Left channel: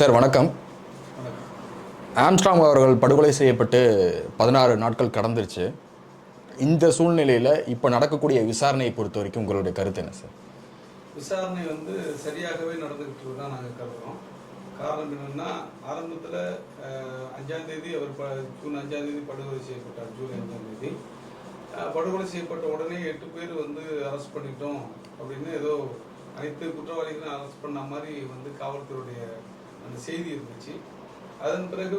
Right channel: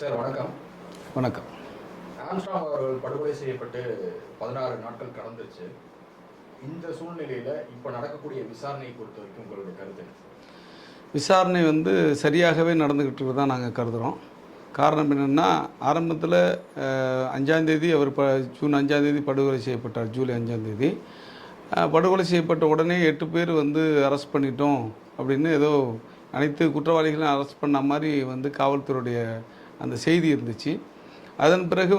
Sir வணக்கம். வணக்கம். Armstrong அவர்கள் படுகொலை செய்யப்பட்டு 16 நாட்கள் கடந்துருச்சு. இந்த சூழ்நிலையில் இப்போ நடக்கக்கூடிய விசாரணையை பொறுத்த வரைக்கும் உங்களுடைய கருத்து என்ன சார்? விசாரணை சரியாகவே நடந்துக்கிட்டு இருக்கிறதா நாங்கள் கருதுகிறோம். காரணம் என்னென்னா, ஆரம்பத்தில் 5ஆந்தேதி அவர் ஜூன் 5ஆந்தேதி படுகொலை செய்யப்பட்டார். ஜூலை 5ஆந்தேதி படுகொலை செய்யப்பட்ட உடனே 8 பேர் அரெஸ்ட் பண்ணிட்டோம் அப்படின்னு ஏதோ அனைத்து குற்றவாளிகளையும் அரெஸ்ட் பண்ண மாதிரி காவல்துறையுடைய அந்த செய்தி இருந்துச்சு. அதன் பிறகு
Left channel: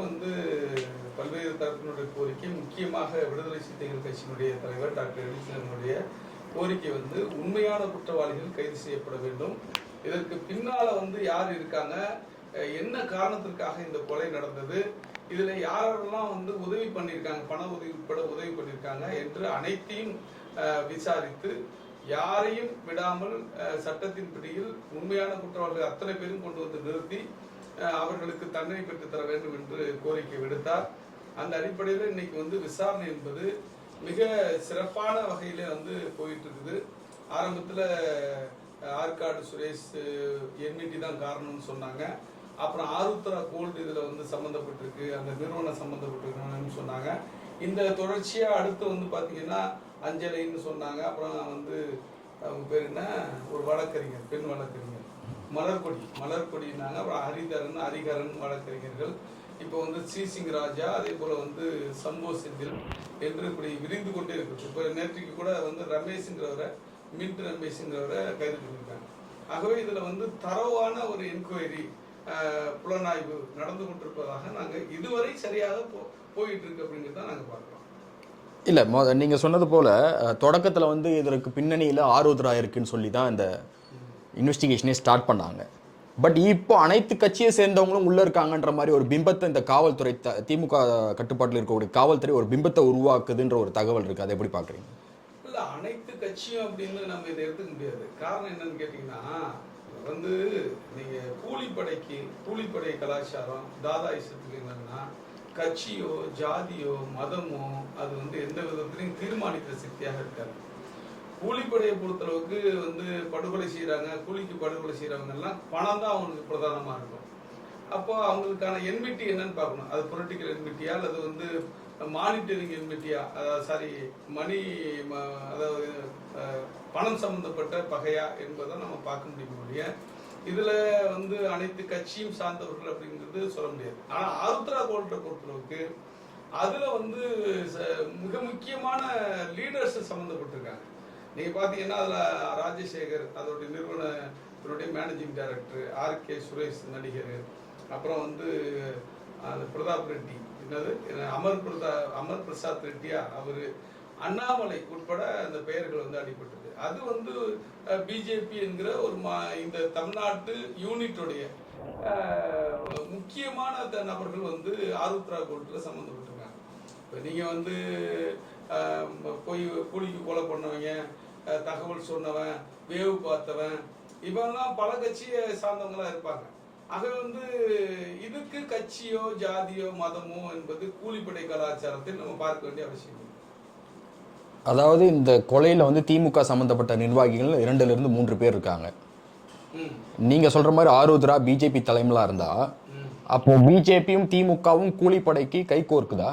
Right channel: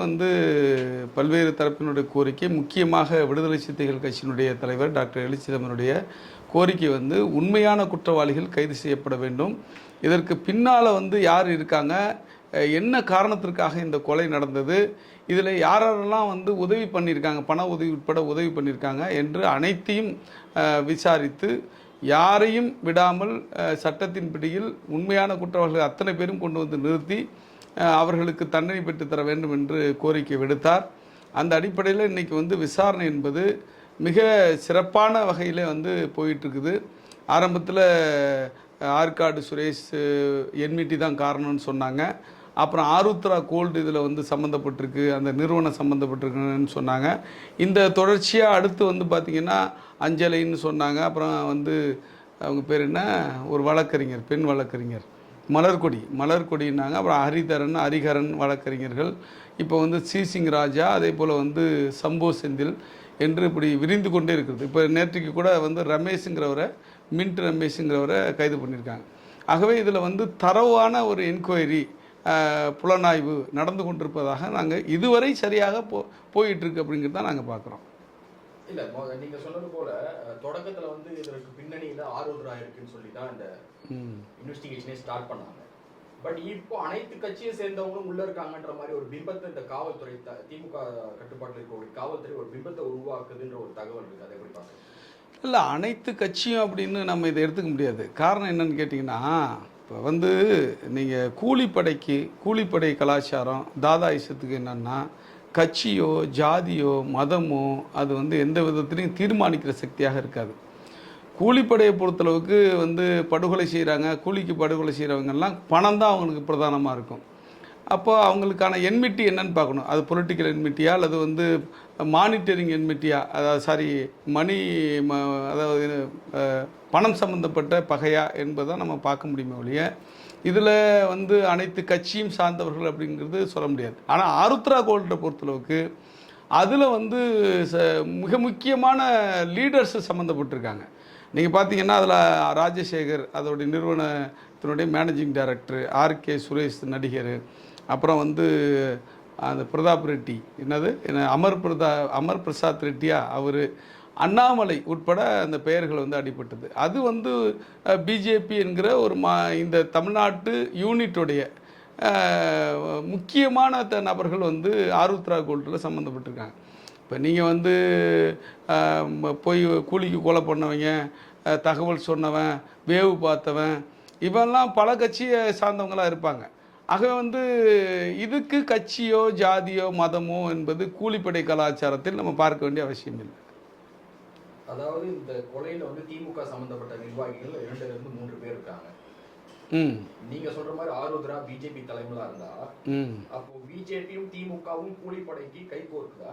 பல்வேறு தரப்பினுடைய கோரிக்கை, முக்கியமாக விடுதலை சிறுத்தைகள் கட்சியினுடைய தலைவர் டாக்டர் எலிச்சிதம்பரனுடைய கோரிக்கை உண்மையான குற்றவாளிகள் கைது செய்யப்பட வேண்டும். இதற்கு பின்னால் யார் இருக்காங்க, என்ன காரணத்திற்காக இந்த கொலை நடந்தது, இதில் யாரெல்லாம் உதவி பண்ணியிருக்காங்க, பண உதவி உட்பட உதவி பண்ணியிருக்காங்க என்று அனைத்தையும் விசாரித்து யாரையும் விடாமல் சட்டத்தின் பிடியில் உண்மையான குற்றவாளிகள் அத்தனை பேரும் கொண்டு நிறுத்தி அவர்களுக்கு தண்டனை பெற்றுத்தர வேண்டும் என்று கோரிக்கை விடுத்தார். அந்த அடிப்படையில் இன்றைக்கி விசாரணை என்பது மிக சிறப்பான வகையில் போயிட்டுருக்குது. ஆரம்பத்தில் ஆற்காடு சுரேஷ் என்மிட்டி தான் காரணம்னு சொன்னாங்க. அப்புறம் ஆருத்ரா கோல்டு இதில் சம்மந்தப்பட்டிருக்கு, அந்த நிறுவனம் சம்மந்தப்பட்டிருக்குன்னு சொன்னாங்க. இந்த தொடர்ச்சியாக அடுத்து பார்த்திங்கன்னா அஞ்சலைன்னு சொன்னாங்க. அப்புறம் அவங்க பேர் என்ன, ஒரு வழக்கறிஞர், பெண் வழக்கறிஞர் மலர்கொடினாங்க. அப்புறம் ஹரிகரன் வழக்கறிஞர்கள். இப்போ சிசிங் ராஜா, அதே போல் சம்போ செந்தில் என்று இப்படி விரிந்து கொண்டே இருக்கிறது. இப்போ நேற்றுக்கு கூட ரமேஷுங்கிறவரை, மின்ட் ரமேஷுங்கிறவரை கைது பண்ணியிருக்காங்க. ஆகவே இதில் தரவான ஒரு என்கொயரி, புலனாய்வு நடந்து கொண்டிருப்பதாக நாங்கள் இதுவரை சரியாக போயிட்டுருக்கு அப்படிங்கிறது தான் நாங்கள் பார்க்குறோம். இல்லை, நீங்கள் சொன்னது போல் தொடக்கத்தில் இதற்கு பின்னணியில் ஆருத்ரா இருக்குன்னு சொல்லி தான் இந்த இன்வெஸ்டிகேஷனே ஸ்டார்ட் பண்ணாங்க. பட் இப்போ அனைத்து கட்சியை சேர்ந்தவங்களும் உள்ளே இருக்காங்கன்ற மாதிரி ஒரு பிம்பத்தை இந்த காவல்துறை, திமுக கட்டுப்பாட்டில் இருக்கக்கூடிய காவல்துறை ஒரு பிம்பத்தை உருவாக்குதுன்ற ஒரு தகவல் இருக்குது. அதை எப்படி பார்க்குறீங்க? இல்லை, அனைத்து கட்சியும் அப்படின்னு நம்ம இதை எடுத்துக்க முடியாது. காரணம் என்னன்னு கேட்டிங்கன்னா, இப்போ நீங்கள் கூலிப்படை கலாச்சாரம் தாதாயிசத்துக்கு என்னென்னா, கட்சியோ ஜாதியோ மதமோ அது எந்த விதத்துலையும் தீர்மானிக்கிற சக்தியாக இருக்காது. கூலிப்படையை பொறுத்தளவுக்கு படுகொலை செய்கிறாங்க, கூலிக்கு படுகொலை செய்கிறவங்கெல்லாம் பணம் தான் அவங்களுக்கு பிரதானமாக இருக்கும். அப்போ அவங்களுக்கான என்மிட்டி என்னன்னு பார்க்கணும். அது பொலிட்டிக்கல் என்மிட்டியா அல்லது மானிட்டரிங் என்மிட்டியா, அதாவது அதாவது பணம் சம்மந்தப்பட்ட பகையா என்பதை நம்ம பார்க்க முடியுமே ஒழிய இதில் அனைத்து கட்சியும் சார்ந்தவர்கள் அப்படிங்கிறது சொல்ல முடியாது. ஆனால் ஆருத்ரா கோல்டை பொறுத்தளவுக்கு அதில் மிக முக்கியமான லீடர்ஸ் சம்மந்தப்பட்டிருக்காங்க. நீங்கள் பார்த்தீங்கன்னா அதில் ராஜசேகர், அதோடைய நிறுவனத்தினுடைய மேனேஜிங் டைரக்டர், ஆர்கே சுரேஷ் நடிகர், அப்புறம் அந்த பிரதாப் ரெட்டி, அமர் பிரசாத் ரெட்டியா அவர், அண்ணாமலை உட்பட அந்த பெயர்கள் அடிபட்டது. அது பிஜேபி என்கிற ஒரு இந்த தமிழ்நாட்டு யூனிட்டுடைய முக்கியமான நபர்கள் ஆருத்ரா கோல்டில் சம்மந்தப்பட்டிருக்காங்க. இப்போ நீங்கள் போய் கூலிக்கு கொலை பண்ணவங்க, தகவல் சொன்னவன், வேவு பார்த்தவன், இவெல்லாம் பல கட்சியை சார்ந்தவங்களாக இருப்பாங்க. ஆக இதுக்கு கட்சியோ ஜாதியோ மதமோ என்பது கூலிப்படை கலாச்சாரத்தில் நம்ம பார்க்க வேண்டிய அவசியம் இல்லை. அதாவது இந்த கொலையில் திமுக சம்மந்தப்பட்ட நிர்வாகிகள் 2லிருந்து 3 பேர் இருக்காங்க. நீங்கள் சொல்கிற மாதிரி ஆருத்ரா பிஜேபி தலைமையிலாக இருந்தால் அப்போ பிஜேபியும் திமுகவும் கூலிப்படைக்கு கை கோர்க்குதா?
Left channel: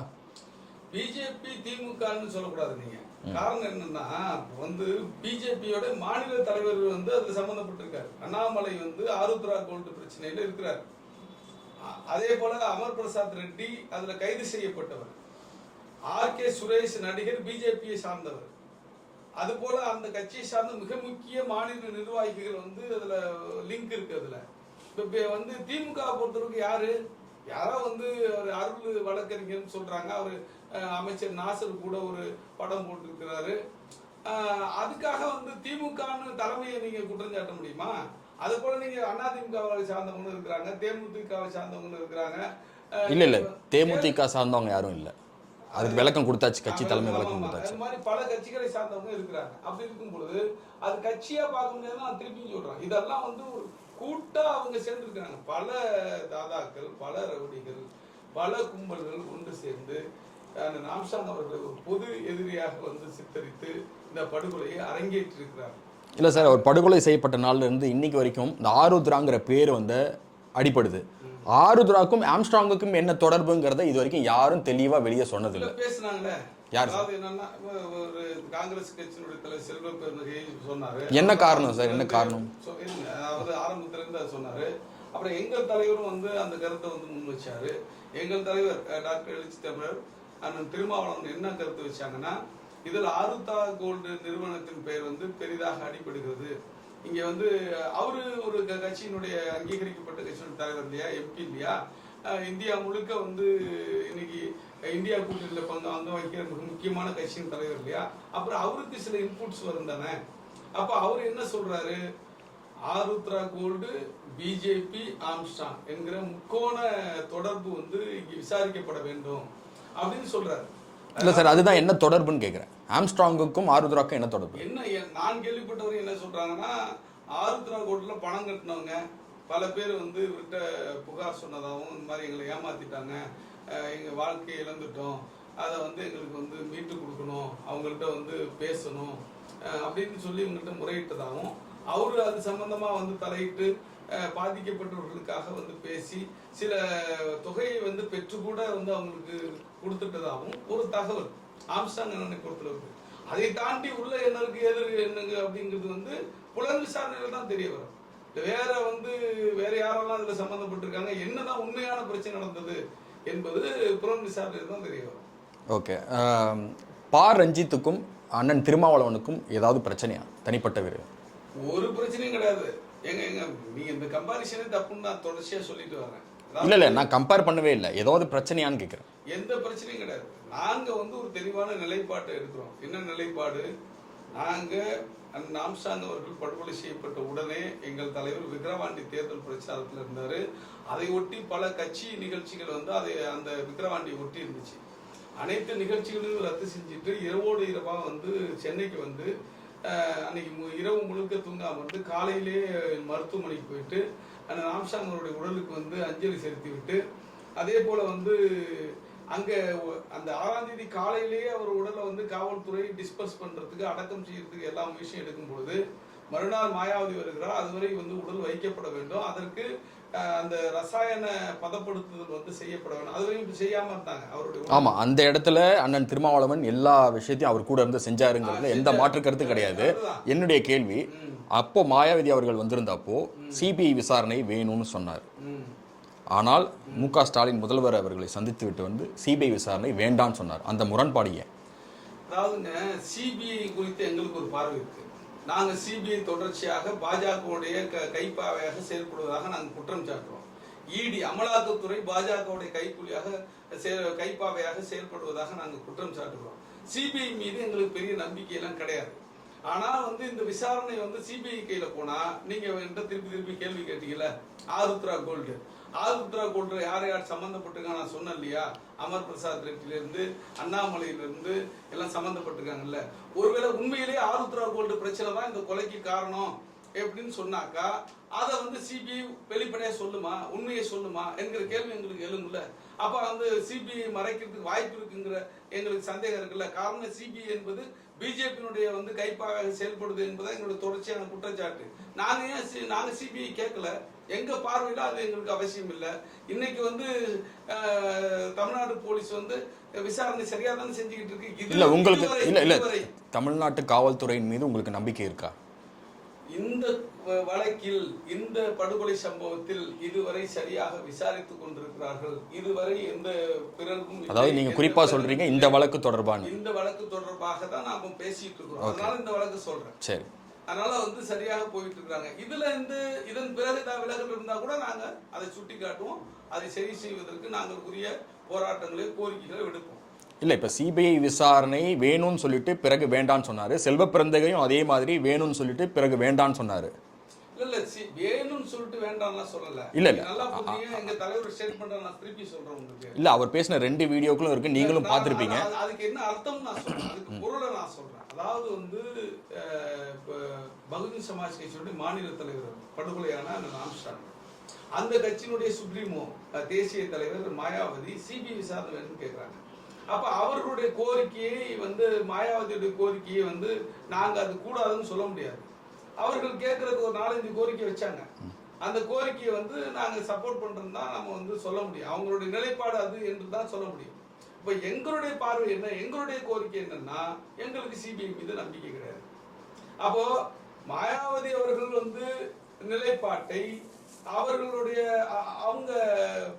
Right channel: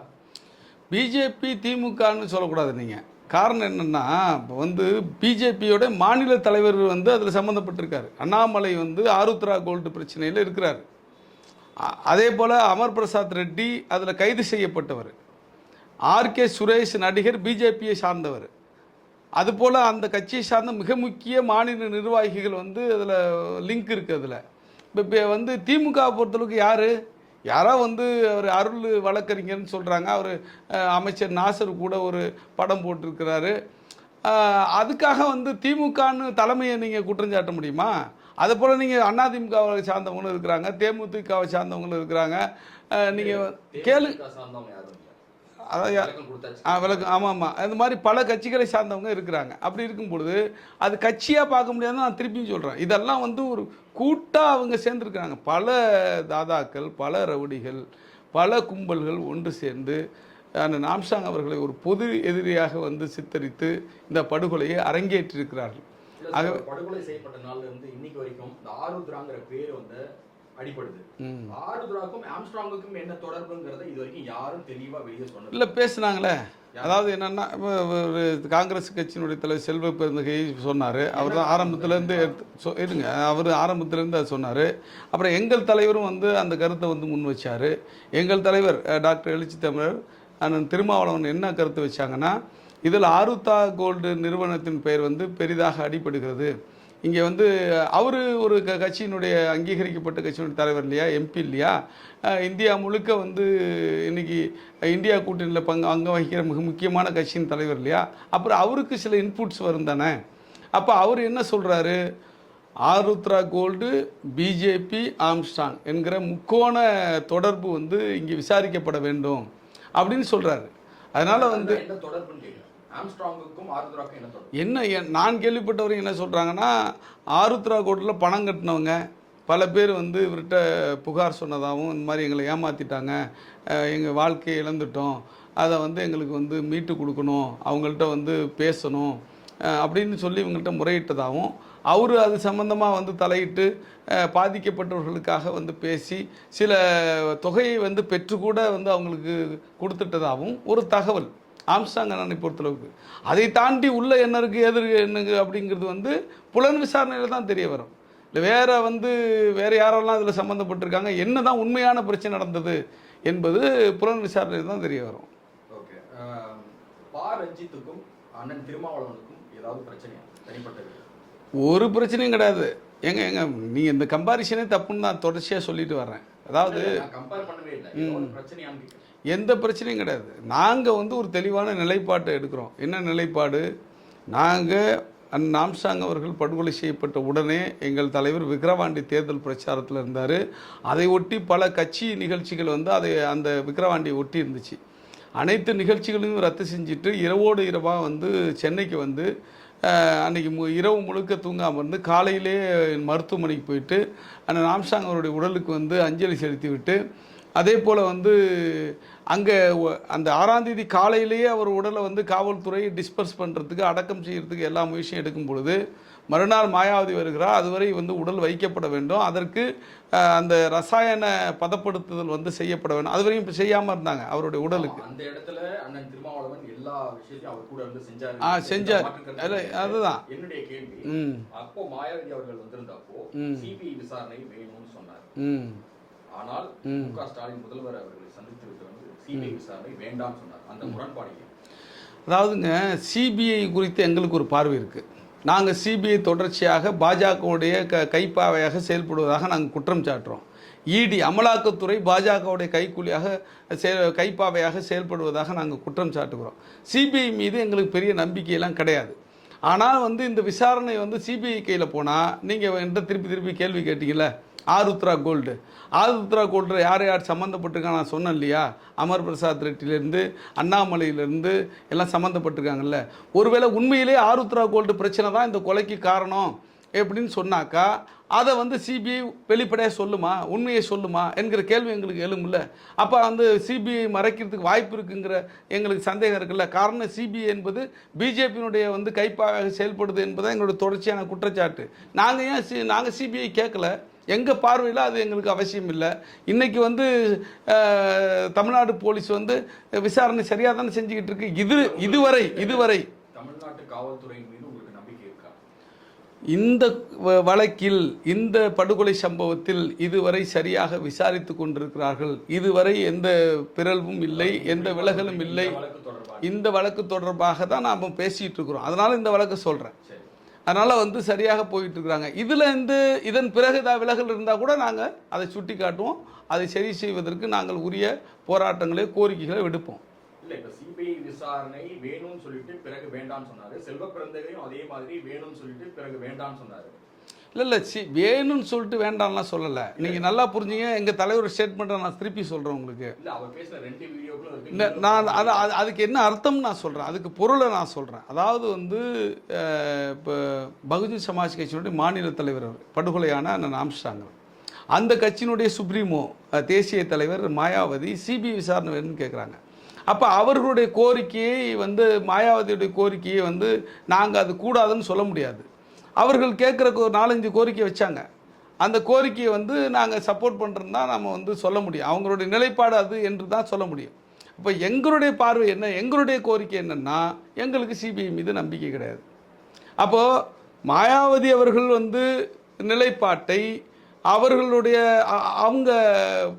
பிஜேபி திமுகன்னு சொல்லக்கூடாது நீங்கள். காரணம் என்னென்னா, இப்போ பிஜேபியோட மாநில தலைவர் அதில் சம்மந்தப்பட்டிருக்காரு. அண்ணாமலை ஆருத்ரா கோல்டு பிரச்சனையில் இருக்கிறார். அதே போல் அமர் பிரசாத் ரெட்டி அதில் கைது செய்யப்பட்டவர். ஆர்கே சுரேஷ் நடிகர் பிஜேபியை சார்ந்தவர். அதுபோல் அந்த கட்சியை சார்ந்த மிக முக்கிய மாநில நிர்வாகிகள் அதில் லிங்க் இருக்குது. அதில் இப்போ திமுகவை பொறுத்தளவுக்கு யாரோ அவர் அருள் வழக்கறிஞர்னு சொல்கிறாங்க. அவர் அமைச்சர் நாசர் கூட ஒரு படம் போட்டிருக்கிறாரு. அதுக்காக திமுகன்னு தலைமையை நீங்கள் குற்றஞ்சாட்ட முடியுமா? அதுபோல் நீங்கள் அதிமுகவை சார்ந்தவங்களும் இருக்கிறாங்க, தேமுதிகவை சார்ந்தவங்களும் இருக்கிறாங்க. தேமுதிக சார்ந்தவங்க யாரும் இல்லை, விளக்கம் கொடுத்தாச்சு. ஆமாம், அது மாதிரி பல கட்சிகளை சார்ந்தவங்க இருக்கிறாங்க. அப்படி இருக்கும் பொழுது அது கட்சியாக பார்க்க முடியாதுன்னு நான் திருப்பியும் சொல்கிறேன். இதெல்லாம் ஒரு கூட்டாக அவங்க சேர்ந்துருக்காங்க. பல தாதாக்கள், பல ரவுடிகள், பல கும்பல்கள் ஒன்று சேர்ந்து அந்த ஆம்ஸ்ட்ராங் அவர்களை ஒரு பொது எதிரியாக சித்தரித்து இந்த படுகொலையை அரங்கேற்றிருக்கிறார்கள். இல்லை சார், அவர் படுகொலை செய்யப்பட்ட நாள்லேருந்து இன்னைக்கு வரைக்கும் இந்த ஆருத்ராங்கிற பேர் அடிப்படுது. ஆருத்ராக்கும் ஆம்ஸ்ட்ராங்குக்கும் என்ன தொடர்புங்கிறத இது வரைக்கும் யாரும் தெளிவா வெளியே சொன்னது இல்லை. பேசுனாங்களே. அதாவது என்னன்னா, ஒரு காங்கிரஸ் கட்சியினுடைய தலைவர் செல்வ பெருந்தகை சொன்னாரு. என்ன ஆரம்பத்திலேருந்து இதுங்க, அவர் ஆரம்பத்திலேருந்து அதை சொன்னாரு. அப்புறம் எங்கள் தலைவரும் வந்து அந்த கருத்தை வந்து முன் வச்சாரு. எங்கள் தலைவர் டாக்டர் எழுச்சி தமிழர் அண்ணன் திருமாவளவன் என்ன கருத்து வச்சாங்கன்னா, இதில் ஆருத்ரா கோல்டு நிறுவனத்தின் பெயர் வந்து பெரிதாக அடிபடுகிறது. இங்கே வந்து அவர் ஒரு கட்சியினுடைய அங்கீகரிக்கப்பட்ட கட்சியினுடைய தலைவர் இல்லையா, எம்பி இல்லையா, இந்தியா முழுக்க வந்து இன்னைக்கு இந்தியா கூட்டணியில் அங்கம் வகிக்கிற மிக முக்கியமான கட்சியின் தலைவர் இல்லையா. அப்புறம் அவருக்கு சில இன்புட்ஸ் வரும் தானே. அப்போ அவர் என்ன சொல்கிறாரு, ஆருத்ரா கோல்டு, பிஜேபி, ஆம்ஸ்ட்ராங் என்கிற முக்கோண தொடர்பு வந்து இங்கே விசாரிக்கப்பட வேண்டும் அப்படின்னு சொல்கிறாரு. அதனால அதுதான் என்ன தொடர்புன்னு கேட்குறேன். ஆம்ஸ்ட்ராங்குக்கும் ஆருத்ராக்கும் என்ன தொடர்பு? என்ன நான் கேள்விப்பட்டவரையும் என்ன சொல்கிறாங்கன்னா, ஆருத்ரா கோல்டில் பணம் கட்டினவங்க பல பேர் வந்து இவர்கிட்ட புகார் சொன்னதாகவும், இந்த மாதிரி எங்களை ஏமாற்றிட்டாங்க, எங்கள் வாழ்க்கையை இழந்துட்டோம், அதை வந்து எங்களுக்கு வந்து மீட்டு கொடுக்கணும், அவங்கள்ட்ட வந்து பேசணும் அப்படின்னு சொல்லி இவங்கள்ட்ட முறையிட்டதாகவும், அவர் அது சம்பந்தமாக வந்து தலையிட்டு பாதிக்கப்பட்டவர்களுக்காக வந்து பேசி சில தொகையை வந்து பெற்றுக்கூட வந்து அவங்களுக்கு கொடுத்துட்டதாகவும் ஒரு தகவல் ஆம்ஸ்ட்ராங் அண்ணனை பொறுத்தளவுக்கு. அதை தாண்டி உள்ள என்ன இருக்குது எது என்னங்க அப்படிங்கிறது வந்து புலன் விசாரணையில் தான் தெரிய வரும். இல்லை வேறு யாரெல்லாம் அதில் சம்மந்தப்பட்டிருக்காங்க, என்ன தான் உண்மையான பிரச்சனை நடந்தது என்பது புலன் விசாரணையில் தான் தெரிய வரும். ஓகே. ரஞ்சித்துக்கும் அண்ணன் திருமாவளவனுக்கும் ஏதாவது பிரச்சனையா தனிப்பட்ட வீரர்? ஒரு பிரச்சனையும் கிடையாது. எங்க நீ இந்த கம்பாரிசனே தப்புன்னு நான் தொடர்ச்சியாக சொல்லிட்டு வர்றேன். அதாவது இல்லை, நான் கம்பேர் பண்ணவே இல்லை. ஏதாவது பிரச்சனையான்னு கேட்குறேன். எந்த பிரச்சனையும் கிடையாது. நாங்கள் வந்து ஒரு தெளிவான நிலைப்பாட்டை எடுக்கிறோம். என்ன நிலைப்பாடு? நாங்கள் ஆம்ஸ்ட்ராங் அவர்கள் படுகொலை செய்யப்பட்ட உடனே எங்கள் தலைவர் விக்கிரவாண்டி தேர்தல் பிரச்சாரத்தில் இருந்தார். அதை ஒட்டி பல கட்சி நிகழ்ச்சிகள் வந்து அந்த விக்கிரவாண்டியை ஒட்டி இருந்துச்சு. அனைத்து நிகழ்ச்சிகளையும் ரத்து செஞ்சுட்டு இரவோடு இரவாக வந்து சென்னைக்கு வந்து அன்றைக்கி இரவு முழுக்க தூங்காமல் இருந்து காலையிலே மருத்துவமனைக்கு போயிட்டு அந்த ஆம்ஸ்ட்ராங் அவருடைய உடலுக்கு வந்து அஞ்சலி செலுத்தி விட்டு, அதே போல் வந்து அங்கே அந்த 6ஆம் தேதி காலையிலேயே அவர் உடலை வந்து காவல்துறை டிஸ்பர்ஸ் பண்ணுறதுக்கு, அடக்கம் செய்கிறதுக்கு எல்லா முயற்சியும் எடுக்கும் பொழுது மறுநாள் மாயாவதி வருகிறார். அதுவரை வந்து உடல் வைக்கப்பட வேண்டும், அதற்கு அந்த ரசாயன பதப்படுத்துதல் வந்து செய்யப்பட வேண்டும். அதுவரையும் இப்போ செய்யாமல் இருந்தாங்க அவருடைய உடல். ஆமாம், அந்த இடத்துல அண்ணன் திருமாவளவன் எல்லா விஷயத்தையும் அவர் கூட இருந்து செஞ்சாருங்க, எந்த மாற்று கருத்து கிடையாது. என்னுடைய கேள்வி, அப்போ மாயாவதி அவர்கள் வந்திருந்தப்போ சிபிஐ விசாரணை வேணும்னு சொன்னார். ஆனால் மு.க. ஸ்டாலின் முதல்வர் அவர்களை சந்தித்து விட்டு வந்து சிபிஐ விசாரணை வேண்டாம்னு சொன்னார். அந்த முரண்பாடு ஏன்? அதாவதுங்க, சிபிஐ குறித்து எங்களுக்கு ஒரு பார்வை இருக்குது. நாங்கள் சிபிஐ தொடர்ச்சியாக பாஜகவுடைய கைப்பாவையாக செயல்படுவதாக நாங்கள் குற்றம் சாட்டுறோம். இடி அமலாக்கத்துறை பாஜகவுடைய கைப்பாவையாக செயல்படுவதாக நாங்கள் குற்றம் சாட்டுகிறோம். சிபிஐ மீது எங்களுக்கு பெரிய நம்பிக்கையெல்லாம் கிடையாது. ஆனால் வந்து இந்த விசாரணை வந்து சிபிஐ கையில் போனால், நீங்கள் என்கிட்ட திருப்பி கேள்வி கேட்டீங்கல்ல, ஆருத்ரா கோல்டு யார் யார் சம்மந்தப்பட்டிருக்காங்க நான் சொன்னேன் இல்லையா, அமர் பிரசாத் ரெட்டிலேருந்து அண்ணாமலையிலேருந்து எல்லாம் சம்மந்தப்பட்டிருக்காங்கல்ல. ஒருவேளை உண்மையிலே ஆருத்ரா கோல்டு பிரச்சனை தான் இந்த கொலைக்கு காரணம் எப்படின்னு சொன்னாக்கா, அதை வந்து சிபிஐ வெளிப்படையாக சொல்லுமா, உண்மையை சொல்லுமா என்கிற கேள்வி எங்களுக்கு எழுமுல்ல. அப்போ வந்து சிபிஐ மறைக்கிறதுக்கு வாய்ப்பு இருக்குங்கிற எங்களுக்கு சந்தேகம் இருக்குல்ல. காரணம் சிபிஐ என்பது பிஜேபியினுடைய வந்து கைப்பாக செயல்படுது என்பதை எங்களுடைய தொடர்ச்சியான குற்றச்சாட்டு. நாங்கள் சிபிஐ கேட்கல, எங்கள் பார்வையில் அது எங்களுக்கு அவசியம் இல்லை. இன்றைக்கி வந்து தமிழ்நாடு போலீஸ் வந்து விசாரணை சரியாக தானே செஞ்சுக்கிட்டு இருக்கு. இதுவரை தமிழ்நாட்டு காவல்துறையின் மீது உங்களுக்கு நம்பிக்கை இருக்கா? இந்த வழக்கில், இந்த படுகொலை சம்பவத்தில் இதுவரை சரியாக விசாரித்து கொண்டிருக்கிறார்கள். இதுவரை எந்த பிறழ்வும் இல்லை. இந்த வழக்கு தொடர்பாக தான் நாம் பேசிட்டு இருக்கிறோம். அதனால இந்த வழக்கு சொல்றேன். சரி, அதனால வந்து சரியாக போயிட்டு இருக்கிறாங்க. இதன் பிறகு விலகல் இருந்தால் கூட நாங்கள் அதை சுட்டி காட்டுவோம். அதை சரி செய்வதற்கு நாங்கள் உரிய போராட்டங்களை, கோரிக்கைகளை விடுப்போம். இல்லை, இப்போ சிபிஐ விசாரணை வேணும்னு சொல்லிட்டு பிறகு வேண்டான்னு சொன்னார். செல்வ பிறந்தகையும் அதே மாதிரி வேணும்னு சொல்லிட்டு பிறகு வேண்டான்னு சொன்னார். இல்லை வேணும்னு சொல்லிட்டு வேண்டாம்லாம் சொல்லலை. இல்லை, நல்லா புரிஞ்சுங்க. எங்கள் தலைவர் ஸ்டேட்மெண்ட்டை நான் திருப்பி சொல்கிறேன் உங்களுக்கு. இல்லை, அவர் பேசின 2 வீடியோக்களும் இருக்குது, நீங்களும் அதுக்கு என்ன அர்த்தம் நான் சொல்கிறேன், அதுக்கு பொருளை நான் சொல்கிறேன். அதாவது வந்து இப்போ பகுஜன் சமாஜ் கட்சியினுடைய மாநில தலைவர் படுகொலையான அண்ணன் ஆம்ஸ்ட்ராங், அந்த கட்சியினுடைய சுப்ரீமோ தேசிய தலைவர் மாயாவதி சிபிஐ விசாரணை வேணும்னு கேட்குறாங்க. அப்போ அவர்களுடைய கோரிக்கையை வந்து, மாயாவதியுடைய கோரிக்கையை வந்து நாங்கள் அது கூடாதுன்னு சொல்ல முடியாது. அவர்கள் கேட்குற 4-5 கோரிக்கை வச்சாங்க. அந்த கோரிக்கையை வந்து நாங்கள் சப்போர்ட் பண்ணுறோன்னு தான் நம்ம வந்து சொல்ல முடியும். அவங்களுடைய நிலைப்பாடு அது என்று தான் சொல்ல முடியும். இப்போ எங்களுடைய பார்வை என்ன, எங்களுடைய கோரிக்கை என்னென்னா, எங்களுக்கு சிபிஐ மீது நம்பிக்கை கிடையாது. அப்போது மாயாவதி அவர்கள் வந்து நிலைப்பாட்டை அவர்களுடைய அவங்க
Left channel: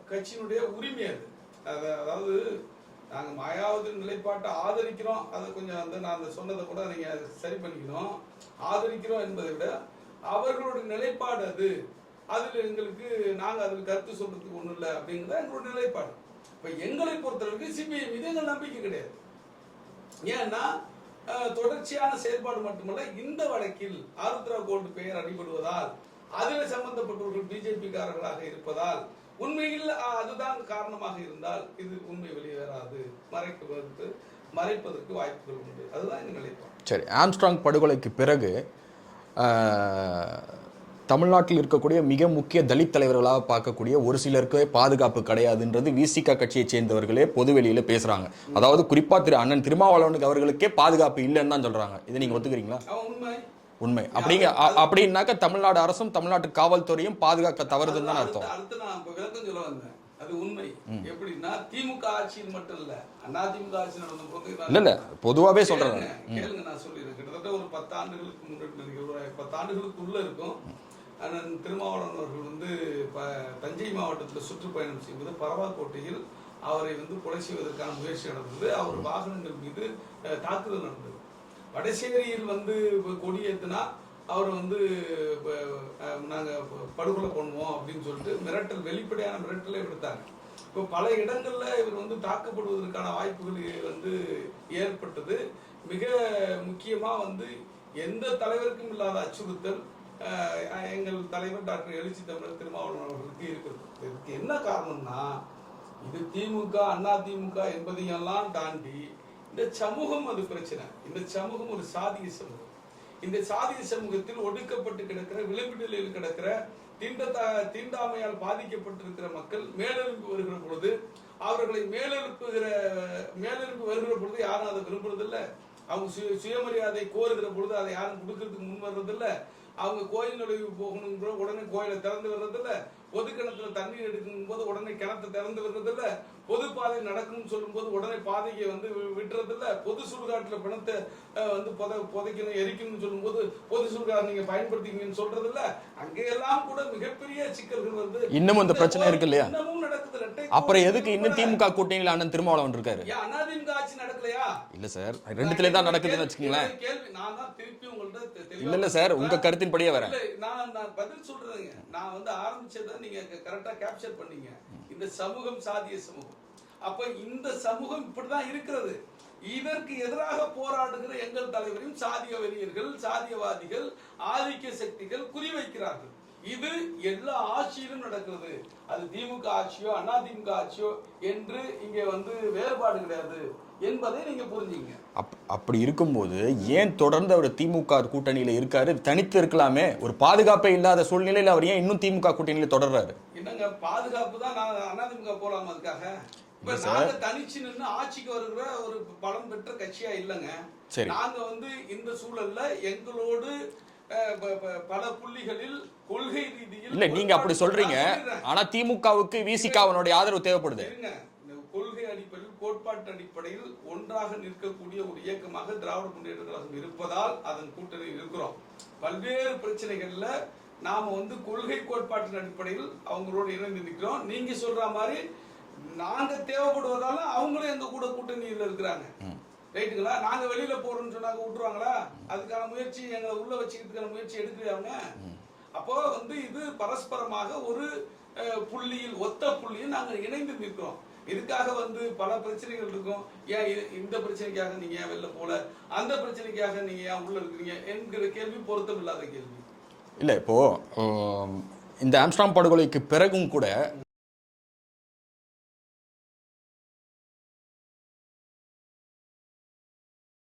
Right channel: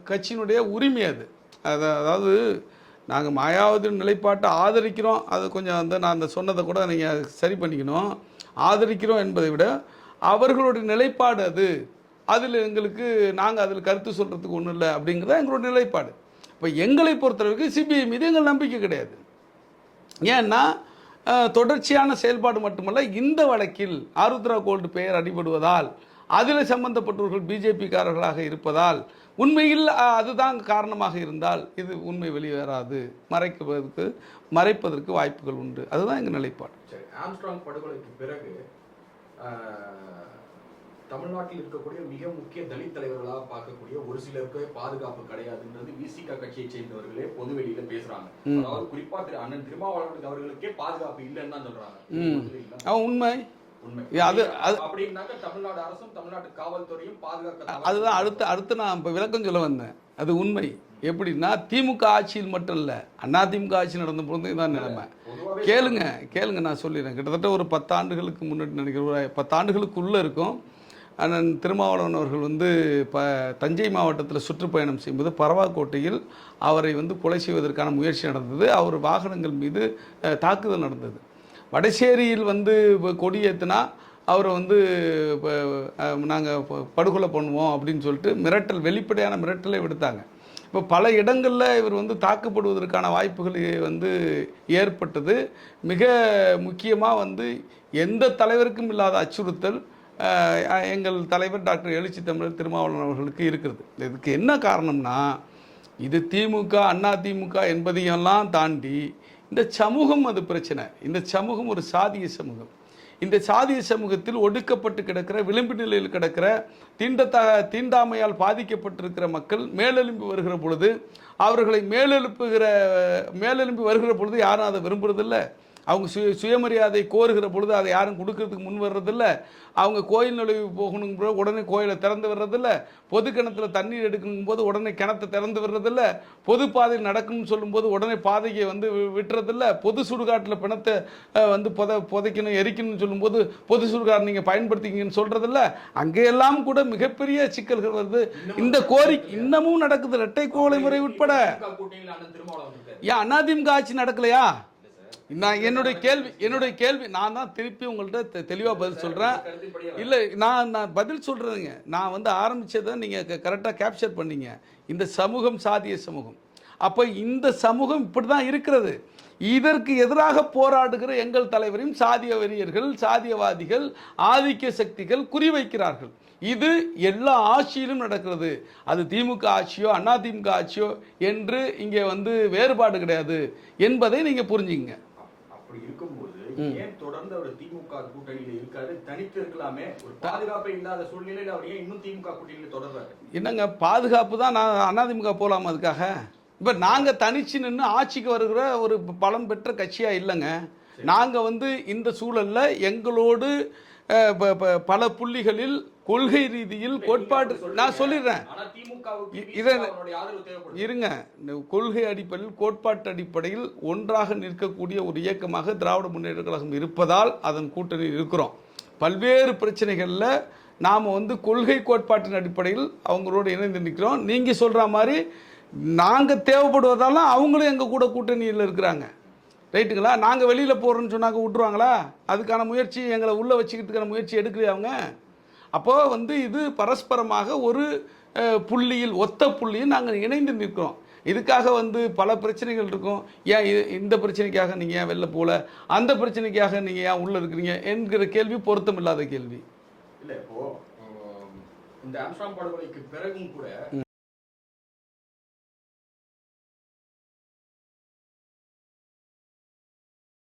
கட்சியினுடைய உரிமை அது. அதாவது நாங்கள் மாயாவதி நிலைப்பாட்டை ஆதரிக்கிறோம், அது கொஞ்சம் வந்து நான் அந்த சொன்னதை கூட நீங்கள் சரி பண்ணிக்கணும். ஆதரிக்கிறோம் என்பதை விட அவர்களுடைய நிலைப்பாடு அது, அதில் எங்களுக்கு நாங்கள் அதில் கருத்து சொல்கிறதுக்கு ஒன்றும் இல்லை அப்படிங்கிறத எங்களுடைய நிலைப்பாடு. இப்போ எங்களை பொறுத்தளவுக்கு சிபிஐ மீது எங்கள் நம்பிக்கை கிடையாது. ஏன்னா தொடர்ச்சியான செயல்பாடு மட்டுமல்ல, இந்த வழக்கில் ஆருத்ரா கோல்டு பெயர் அடிபடுவதால் அதில் சம்பந்தப்பட்டவர்கள் பிஜேபிக்காரர்களாக இருப்பதால், உண்மையில் அதுதான் காரணமாக இருந்தால் இது உண்மை வெளிவராது, மறைப்பதற்கு வாய்ப்புகள் உண்டு. அதுதான் எங்கள் நிலைப்பாடு. சரி, ஆம்ஸ்ட்ராங் படுகொலைக்கு பிறகு தமிழ்நாட்டில் இருக்கக்கூடிய மிக முக்கிய தலித் தலைவர்களாக பார்க்கக்கூடிய ஒரு சிலருக்கே பாதுகாப்பு கிடையாதுன்றது விசிக கட்சியை சேர்ந்தவர்களே பொதுவெளியில பேசுறாங்க. அதாவது குறிப்பா அண்ணன் திருமாவளவனுக்கு அவர்களுக்கே பாதுகாப்பு இல்லைன்னு தான் சொல்றாங்க. இது நீங்க ஒத்துக்கிறீங்களா? உண்மை உண்மை அப்படின்னாக்க தமிழ்நாடு அரசும் தமிழ்நாட்டு காவல்துறையும் பாதுகாக்க தவறு. அடுத்து நான் இப்ப விளக்கம் சொல்ல வந்தேன். அது உண்மை. எப்படின்னா, திமுக ஆட்சியில் மட்டும் இல்ல, அதிமுக ஆட்சி நடந்த போது பொதுவாகவே கேளுங்க நான் சொல்லிடுறேன். கிட்டத்தட்ட ஒரு 10 ஆண்டுகளுக்கு முன்னாடி நினைக்கிறேன், 10 ஆண்டுகளுக்குள்ள இருக்கும். அண்ணன் திருமாவளவன் அவர்கள் வந்து தஞ்சை மாவட்டத்தில் சுற்றுப்பயணம் செய்யும்போது பரவாக்கோட்டையில் அவரை வந்து கொலை செய்வதற்கான முயற்சி நடந்தது. அவர் வாகனங்கள் மீது தாக்குதல் நடந்தது. வடசேரியில் வந்து கொடியேற்றினா அவரை வந்து நாங்கள் படுகொலை பண்ணுவோம் அப்படின்னு சொல்லிட்டு மிரட்டல், வெளிப்படையான மிரட்டலை விடுத்தாங்க. இப்போ பல இடங்களில் இவர் வந்து தாக்கப்படுவதற்கான வாய்ப்புகள் வந்து ஏற்பட்டது. மிக முக்கியமாக வந்து எந்த தலைவருக்கும் இல்லாத அச்சுறுத்தல் எங்கள் தலைவர் டாக்டர் எழுச்சி தமிழர் திருமாவளவன் அவர்களுக்கு இருக்கிறது. இதுக்கு என்ன காரணம்னா, இது திமுக அதிமுக என்பதையெல்லாம் தாண்டி இந்த சமூகம் அது பிரச்சனை. இந்த சமூகம் ஒரு சாதிய சமூகம். இந்த சாதிய சமூகத்தில் ஒடுக்கப்பட்டு கிடக்கிற, விளிம்பு நிலையில் கிடக்கிற, தீண்டாமையால் பாதிக்கப்பட்டிருக்கிற மக்கள் மேலெலும்பி வருகிற பொழுது, அவர்களை மேலெலும்பி வருகிற பொழுது யாரும் அதை விரும்புறதில்லை. அவங்க சுயமரியாதை கோருகிற பொழுது அதை யாரும் கொடுக்கறதுக்கு முன் வர்றதில்லை. அவங்க கோயில் நுழைவு போகணும் உடனே கோயிலை திறந்து வர்றதில்லை. பொது கிணத்துல தண்ணீர் எடுக்கும் போது உடனே கிணத்தை திறந்து வர்றதில்லை. பொது பாதையில் நடக்கணும்னு சொல்லும்போது உடனே பாதையை வந்து விட்டுறதில்லை. பொது சுடுகாட்டில் பிணத்தை வந்து புதைக்கணும் எரிக்கணும்னு சொல்லும்போது பொது சுடுகாடு நீங்கள் பயன்படுத்திங்கன்னு சொல்றதில்ல. அங்கெல்லாம் கூட மிகப்பெரிய சிக்கல்கள் வந்து இன்னமும் நடக்குது. இரட்டை கூட்டணியில் அண்ணன் திருமாவளவன் இருக்காரு. அதிமுக ஆட்சி நடக்கலையா? இல்ல சார், என்னுடைய கேள்வி நான் தான் திருப்பி உங்கள்கிட்ட தெளிவாக இல்ல, நான் பதில் சொல்றேங்க. நான் வந்து ஆரம்பிச்சதை நீங்க கரெக்டா கேப்சர் பண்ணீங்க. இந்த சமூகம் சாதிய சமூகம். அப்ப இந்த சமூகம் இப்படிதான் இருக்கிறது. இதற்கு எதிராக போராடுகிற எங்கள் தலைவரையும் சாதிய வெறியர்கள், சாதியவாதிகள், ஆதிக்க சக்திகள் குறிவைக்கிறார்கள். இது எல்லா ஆட்சியிலும் நடக்கிறது. அது திமுக ஆட்சியோ அதிமுக ஆட்சியோ என்று இங்கே வந்து வேறுபாடு கிடையாது என்பதை நீங்க புரிஞ்சுங்க. அப்படி இருக்கும்போது ஏன் தொடர்ந்து அவர் திமுக கூட்டணியில இருக்காரு? தனித்து இருக்கலாமே. ஒரு பாதுகாப்பே இல்லாத சூழ்நிலையில் அவர் ஏன் இன்னும் திமுக கூட்டணியில தொடர்றாரு? என்னங்க பாதுகாப்பு தான். நான் அதிமுக போலாமா? அதுக்காக இப்ப நாங்க தனிச்சு நின்று ஆட்சிக்கு வருகிற ஒரு பலம் பெற்ற கட்சியா இல்லைங்க. நாங்க வந்து இந்த சூழல்ல எங்களோடு பல புள்ளிகளில் கொள்கை ரீதியில் சொல்றேன். ஆனா திமுகவுக்கு விசிகாவினுடைய ஆதரவு தேவைப்படுது. இருங்க, கொள்கை அடிப்படையில், கோட்பாட்டு அடிப்படையில் ஒன்றாக நிற்கக்கூடிய ஒரு இயக்கமாக திராவிட முன்னேற்ற கழகம் இருப்பதால் அதன் கூட்டணியில் இருக்கிறோம். பல்வேறு பிரச்சனைகள்ல நாம வந்து கொள்கை கோட்பாட்டின் அடிப்படையில் அவங்களோடு இணைந்து நிற்கிறோம். நீங்க சொல்ற மாதிரி நாங்க தேவைப்படுவதால அவங்களும் எங்க கூட கூட்டணியில் இருக்கிறாங்க. ரைட்டுங்களா? நாங்க வெளியில போறோம்னு சொன்னாங்க விட்டுருவாங்களா? அதுக்கான முயற்சி, எங்களை உள்ள வச்சுக்கிறதுக்கான முயற்சி எடுக்கலையா அவங்க? அப்போ வந்து இது பரஸ்பரமாக ஒரு புள்ளியில், ஒத்த புள்ளியில் நாங்கள் இணைந்து நிற்கிறோம். இதுக்காக வந்து பல பிரச்சனைகள் இருக்கும். ஏன் இந்த பிரச்சனைக்காக நீங்க ஏன் வெளில போல, அந்த பிரச்சனைக்காக நீங்க ஏன் உள்ள இருக்கிறீங்க என்கிற கேள்வி பொருத்தம் இல்லாத கேள்வி. இல்லை, இப்போ இந்த ஆம்ஸ்ட்ராங் படுகொலைக்கு பிறகும் கூட